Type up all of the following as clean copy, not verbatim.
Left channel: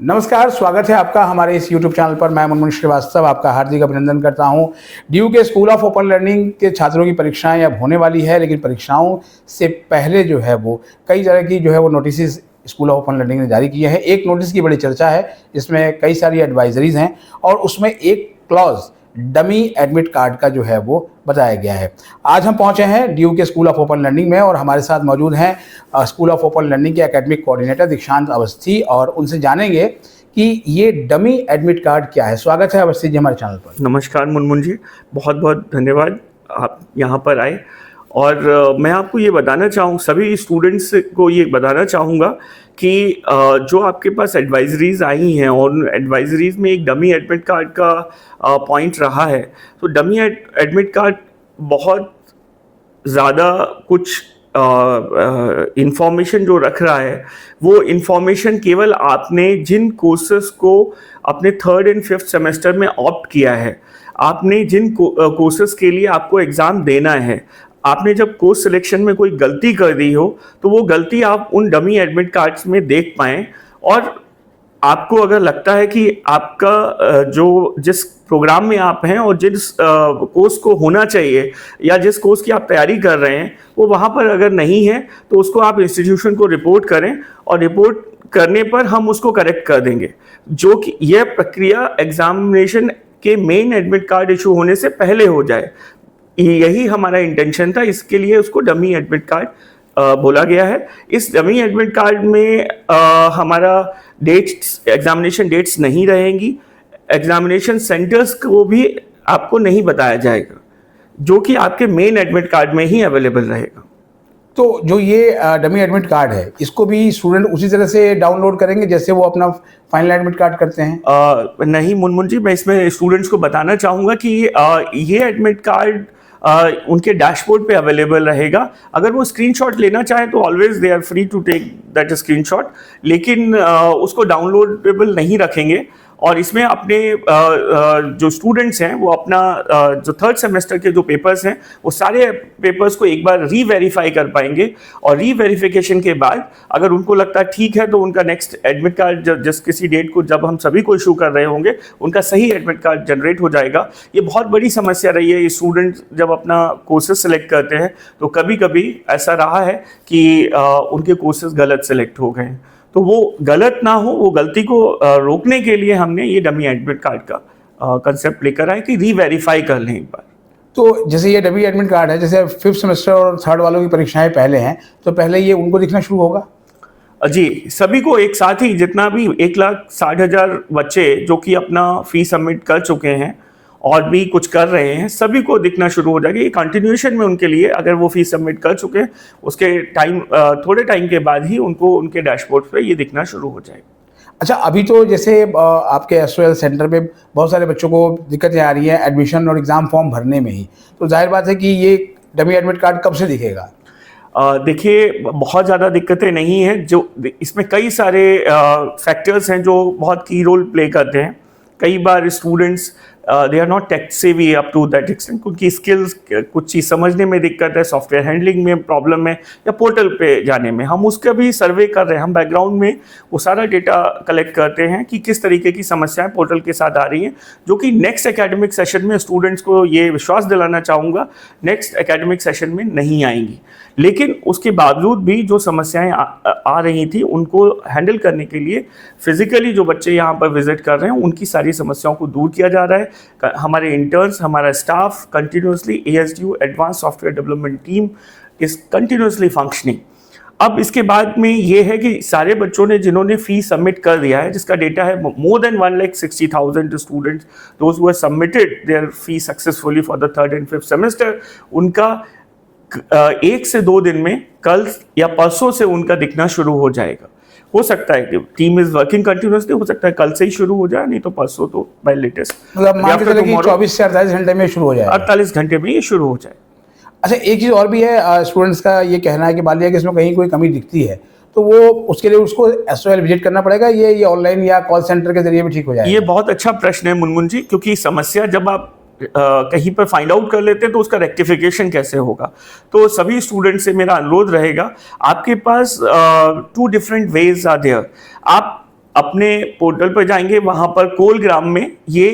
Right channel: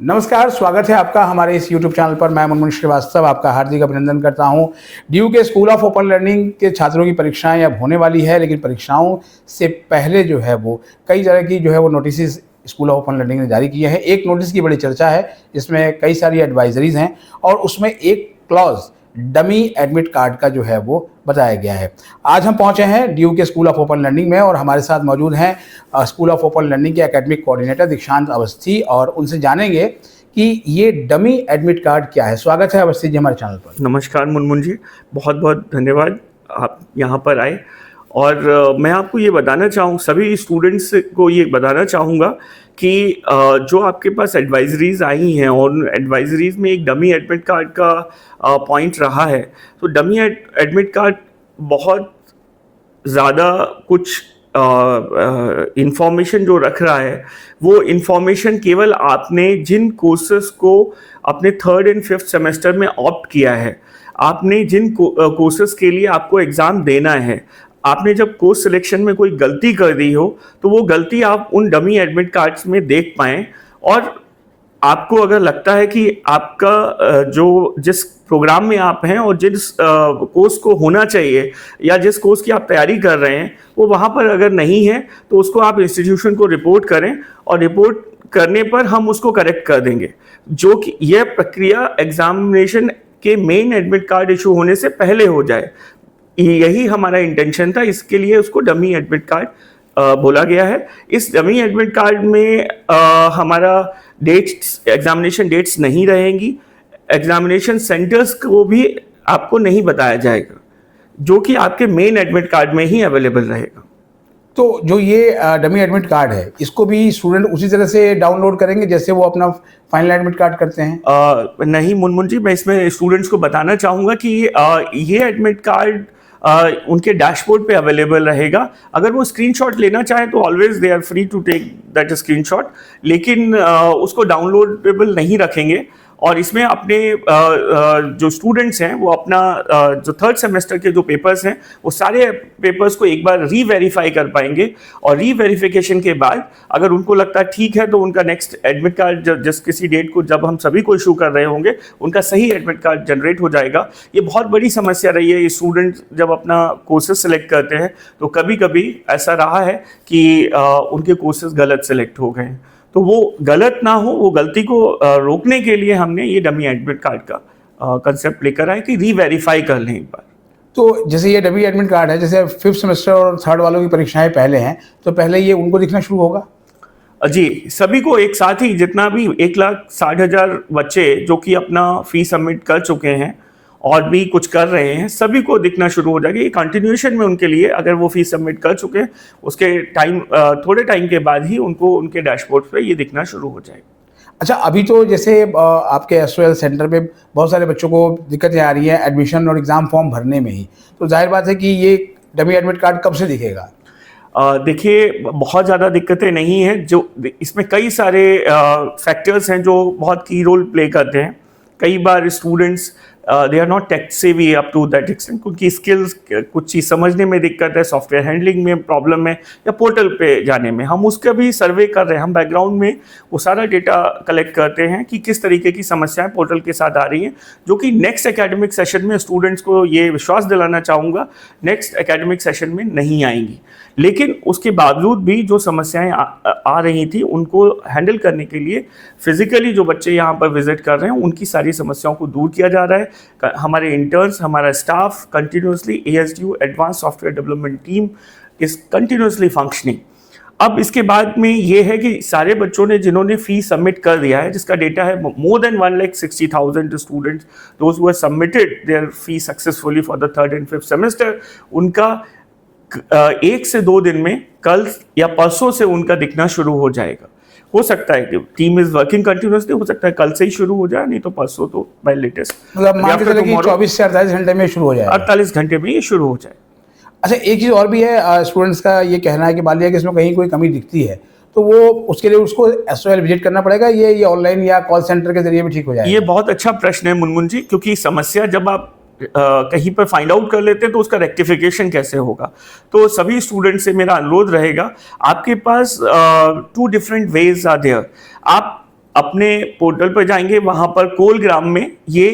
नमस्कार, स्वागत है आपका हमारे इस यूट्यूब चैनल पर। मैं मुनमुन श्रीवास्तव आपका हार्दिक अभिनंदन करता हूं। डीयू के स्कूल ऑफ ओपन लर्निंग के छात्रों की परीक्षाएं अब होने वाली है, लेकिन परीक्षाओं से पहले जो है वो कई तरह की जो है वो notice school of open learning ने जारी किए हैं। एक नोटिस की बड़ी चर्चा है, इसमें कई सारी एडवाइजरीज हैं और उसमें एक क्लॉज डमी एडमिट कार्ड का जो है वो बताया गया है। आज हम पहुंचे हैं डीयू के स्कूल ऑफ ओपन लर्निंग में और हमारे साथ मौजूद हैं स्कूल ऑफ ओपन लर्निंग के एकेडमिक कोऑर्डिनेटर दीक्षांत अवस्थी, और उनसे जानेंगे कि ये डमी एडमिट कार्ड क्या है। स्वागत है अवस्थी जी हमारे चैनल पर। नमस्कार मुनमुन जी, बहुत बहुत धन्यवाद आप यहाँ पर आए। और मैं आपको ये बताना चाहूँ, सभी स्टूडेंट्स को ये बताना चाहूँगा कि जो आपके पास एडवाइजरीज आई हैं और एडवाइजरीज में एक डमी एडमिट कार्ड का पॉइंट रहा है। तो डमी एडमिट कार्ड बहुत ज़्यादा कुछ इंफॉर्मेशन जो रख रहा है, वो इंफॉर्मेशन केवल आपने जिन कोर्सेज को अपने 3rd एंड 5th सेमेस्टर में ऑप्ट किया है, आपने जिन कोर्सेज के लिए आपको एग्ज़ाम देना है, आपने जब कोर्स सिलेक्शन में कोई गलती कर दी हो तो वो गलती आप उन डमी एडमिट कार्ड्स में देख पाएँ। और आपको अगर लगता है कि आपका जो जिस प्रोग्राम में आप हैं और जिस कोर्स को होना चाहिए या जिस कोर्स की आप तैयारी कर रहे हैं वो वहाँ पर अगर नहीं है, तो उसको आप इंस्टीट्यूशन को रिपोर्ट करें और रिपोर्ट करने पर हम उसको करेक्ट कर देंगे। जो कि यह प्रक्रिया एग्जामिनेशन के मेन एडमिट कार्ड इशू होने से पहले हो जाए, यही हमारा इंटेंशन था। इसके लिए उसको डमी एडमिट कार्ड बोला गया है। इस डमी एडमिट कार्ड में हमारा डेट्स, एग्जामिनेशन डेट्स नहीं रहेंगी। एग्जामिनेशन सेंटर्स को भी आपको नहीं बताया जाएगा, जो कि आपके मेन एडमिट कार्ड में ही अवेलेबल रहेगा। तो जो ये डमी एडमिट कार्ड है, इसको भी स्टूडेंट उसी तरह से डाउनलोड करेंगे जैसे वो अपना फाइनल एडमिट कार्ड करते हैं? नहीं मुनमुन जी, मैं इसमें स्टूडेंट्स को बताना चाहूँगा कि ये एडमिट कार्ड उनके डैशबोर्ड पे अवेलेबल रहेगा। अगर वो स्क्रीनशॉट लेना चाहें तो always they are free to take that screenshot, लेकिन उसको डाउनलोडेबल नहीं रखेंगे। और इसमें अपने जो स्टूडेंट्स हैं वो अपना जो 3rd सेमेस्टर के जो पेपर्स हैं वो सारे पेपर्स को एक बार री-वेरीफाई कर पाएंगे। और री-वेरिफिकेशन के बाद अगर उनको लगता है ठीक है, तो उनका नेक्स्ट एडमिट कार्ड जिस किसी डेट को जब हम सभी को इशू कर रहे होंगे, उनका सही एडमिट कार्ड जनरेट हो जाएगा। ये बहुत बड़ी समस्या रही है। ये स्टूडेंट जब अपना कोर्सेज सेलेक्ट करते हैं तो कभी कभी ऐसा रहा है कि उनके कोर्सेज गलत सेलेक्ट हो गए। तो वो गलत ना हो, वो गलती को रोकने के लिए हमने ये डमी एडमिट कार्ड का कंसेप्ट लेकर आए कि री-वेरीफाई कर लें एक बार। तो जैसे ये डमी एडमिट कार्ड है, जैसे 5th सेमेस्टर और 3rd वालों की परीक्षाएं पहले हैं, तो पहले ये उनको दिखना शुरू होगा? जी, सभी को एक साथ ही, जितना भी 1,60,000 बच्चे जो कि अपना फी सबमिट कर चुके हैं और भी कुछ कर रहे हैं, सभी को दिखना शुरू हो जाएगी। ये कंटिन्यूएशन में उनके लिए, अगर वो फीस सबमिट कर चुके हैं, उसके थोड़े टाइम के बाद ही उनको उनके डैशबोर्ड पे ये दिखना शुरू हो जाएगा। अच्छा, अभी तो जैसे आपके एसओएल सेंटर में बहुत सारे बच्चों को दिक्कतें आ रही हैं एडमिशन और एग्ज़ाम फॉर्म भरने में ही, तो जाहिर बात है कि ये डमी एडमिट कार्ड कब से दिखेगा? देखिए, बहुत ज़्यादा दिक्कतें नहीं हैं। जो इसमें कई सारे फैक्टर्स हैं जो बहुत की रोल प्ले करते हैं। कई बार students they are not tech savvy up to that extent, उनकी स्किल्स, कुछ चीज़ समझने में दिक्कत है, सॉफ्टवेयर हैंडलिंग में प्रॉब्लम है, या पोर्टल पे जाने में। हम उसका भी सर्वे कर रहे हैं। हम बैकग्राउंड में वो सारा डेटा कलेक्ट करते हैं कि किस तरीके की समस्याएं पोर्टल के साथ आ रही हैं, जो कि नेक्स्ट एकेडमिक सेशन में स्टूडेंट्स को ये विश्वास दिलाना चाहूँगा, नेक्स्ट एकेडमिक सेशन में नहीं आएंगी। लेकिन उसके बावजूद भी जो समस्याएं आ रही थी, उनको हैंडल करने के लिए फिजिकली जो बच्चे यहाँ पर विजिट कर रहे हैं, उनकी सारी समस्याओं को दूर किया जा रहा है। हमारे इंटर्न्स, हमारा staff continuously, ASDU advance software development team is continuously functioning. अब इसके बाद में ये है कि सारे बच्चों ने जिन्होंने फी सबमिट कर दिया है, जिसका डेटा है more than 1,60,000 students those who have submitted there fee successfully for the 3rd and 5th semester, उनका 1 से 2 दिन में, कल या परसों से उनका दिखना शुरू हो जाएगा। हो सकता है कि टीम इज वर्किंग कंटिन्यूसली, हो सकता है कल से ही शुरू हो जाए, नहीं तो परसों तो बाय लेटेस्ट। मतलब मान के चलिए कि 24 से 48 घंटे में शुरू हो जाए, 48 घंटे में ये शुरू हो जाए। अच्छा, एक चीज़ और भी है, स्टूडेंट्स का ये कहना है कि मान लिया कि इसमें कहीं कोई कमी दिखती है, तो वो उसके लिए उसको एसओएल विजिट करना पड़ेगा, ये ऑनलाइन या कॉल सेंटर के जरिए भी ठीक हो जाएगा? ये बहुत अच्छा प्रश्न है मुनमुन जी, क्योंकि समस्या जब आप कहीं पर फाइंड आउट कर लेते हैं तो उसका रेक्टिफिकेशन कैसे होगा। तो सभी स्टूडेंट से मेरा अनुरोध रहेगा, आपके पास 2 डिफरेंट वेज आर देयर। आप अपने पोर्टल पर जाएंगे, वहां पर कोलग्राम में ये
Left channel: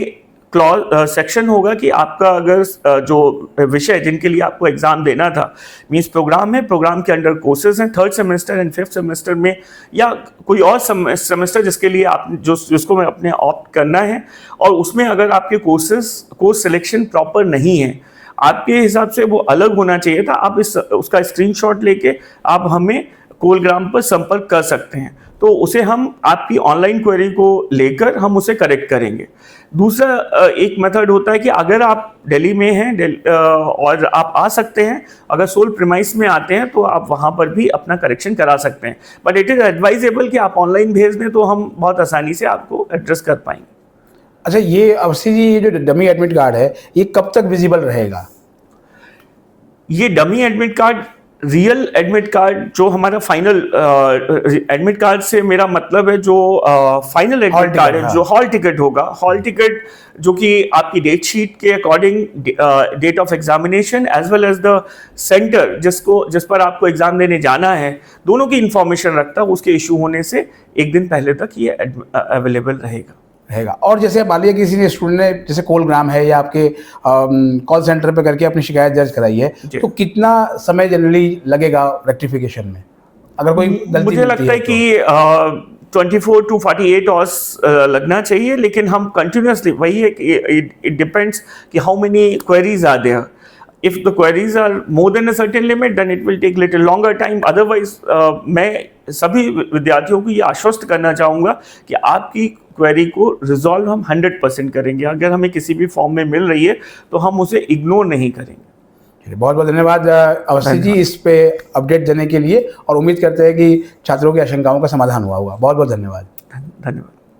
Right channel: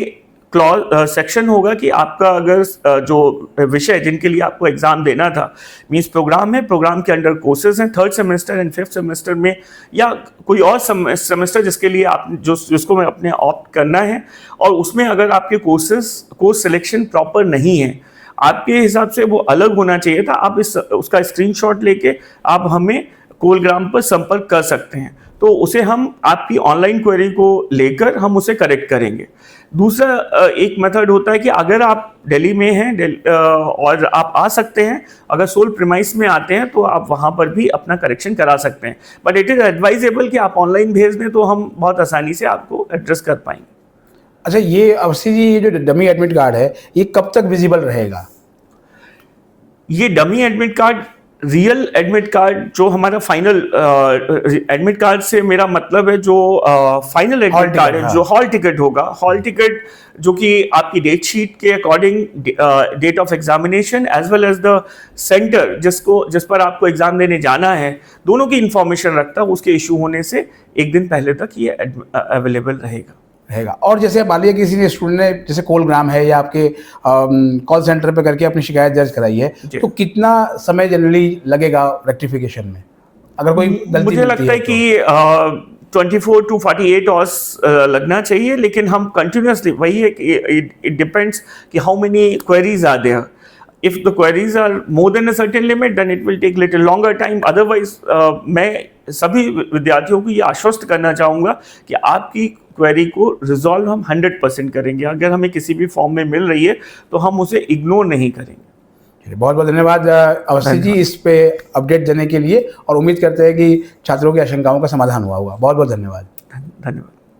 क्लॉज सेक्शन होगा कि आपका अगर जो विषय जिनके लिए आपको एग्जाम देना था, मींस प्रोग्राम है, प्रोग्राम के अंडर कोर्सेज हैं 3rd semester and 5th semester में, या कोई और सेमेस्टर जिसके लिए आप जिसको मैं अपने ऑप्ट करना है, और उसमें अगर आपके कोर्स सिलेक्शन प्रॉपर नहीं है, आपके हिसाब से वो अलग होना चाहिए था, आप उसका स्क्रीनशॉट लेके आप हमें कोलग्राम पर संपर्क कर सकते हैं, तो उसे हम आपकी ऑनलाइन क्वेरी को लेकर हम उसे करेक्ट करेंगे। दूसरा एक मेथड होता है कि अगर आप दिल्ली में हैं और आप आ सकते हैं, अगर सोल प्रीमाइस में आते हैं तो आप वहां पर भी अपना करेक्शन करा सकते हैं, बट इट इज एडवाइजेबल कि आप ऑनलाइन भेज दें तो हम बहुत आसानी से आपको एड्रेस कर पाएंगे। अच्छा, ये अवस्थी जी, ये जो डमी एडमिट कार्ड है ये कब तक विजिबल रहेगा? ये dummy admit card, real admit card जो हमारा फाइनल एडमिट कार्ड से मेरा मतलब है जो फाइनल एडमिट कार्ड है, जो हॉल टिकट होगा, हॉल टिकट जो कि आपकी डेट शीट के according date of examination as well as the centre जिस पर आपको एग्जाम देने जाना है, दोनों की इंफॉर्मेशन रखता है, उसके इशू होने से एक दिन पहले तक ये अवेलेबल रहेगा। और जैसे मान लिया किसी ने स्टूडेंट ने जैसे कोलग्राम है या आपके कॉल सेंटर पे करके अपनी शिकायत दर्ज कराई है, तो कितना समय जनरली लगेगा रेक्टिफिकेशन में, अगर कोई गलती मुझे लगता है कि 24 to 48 आवर्स लगना चाहिए, लेकिन हम कंटिन्यूसली, वही है कि इट डिपेंड्स कि how many queries are there. If the queries are more than a certain limit, then it will take little longer time. Otherwise, मैं सभी विद्यार्थियों को ये आश्वस्त करना चाहूँगा कि आपकी क्वेरी को रिजॉल्व हम 100% करेंगे। अगर हमें किसी भी फॉर्म में मिल रही है तो हम उसे इग्नोर नहीं करेंगे। बहुत बहुत धन्यवाद अवस्थी जी इस पे अपडेट देने के लिए, और उम्मीद करते हैं कि छात्रों की आशंकाओं का समाधान हुआ होगा। बहुत बहुत धन्यवाद। धन्यवाद।